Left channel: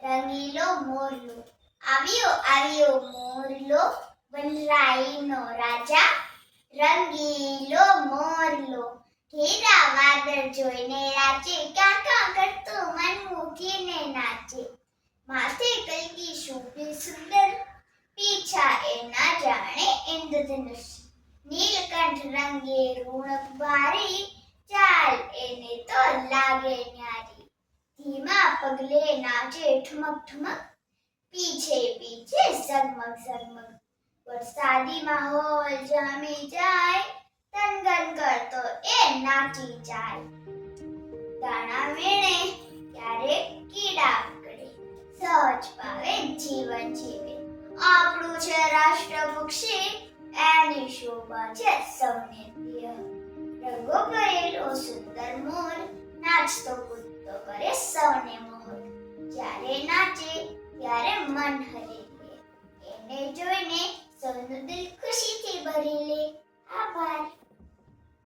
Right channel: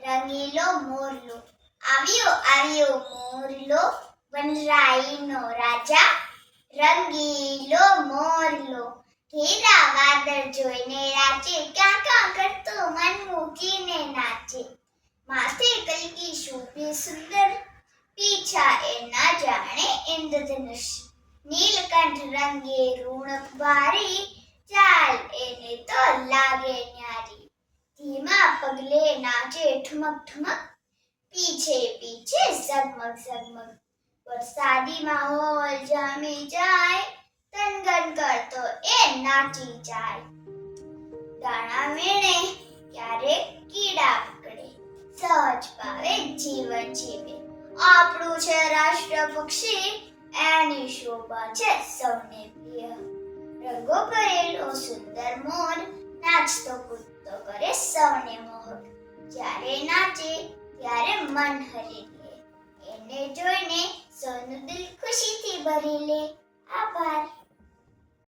રંગીલો મોરલો આવ્યો આવ્યો મોરલો વનરાઈનો રાજા રંગીલો મોરલો ઘેરા વાદળ જોઈને રાચે ક્યાં ક્યાં કરતો મન મૂકીને નાચે માથે કલકી શોભે સુંદર પીછા એ ના જાણે ઇન્દ્રધનુષ નીલકંઠ રંગે રૂણક ભારી ચાલ એને તો લાગે ન્યારી ધીમા પગલે નાચે ઠુમક ઠુમક પીછે પીછે ઝગમગ ઝગમગ વરસાદી માહોલ જામી જાય તનગન કરતો એ નાચી જાય દાણા વીણે ક્યારેક કીડા પકડે સહજ પાવે જીવન જીવે આપણું છે રાષ્ટ્ર પક્ષી એની શોભા છે સૌને પ્રિય રંગો ભરેલો સુંદર મોર નાચતો કૂદતો કરે સૌને મોહ જ્યારે નાચે ત્યારે મન હરે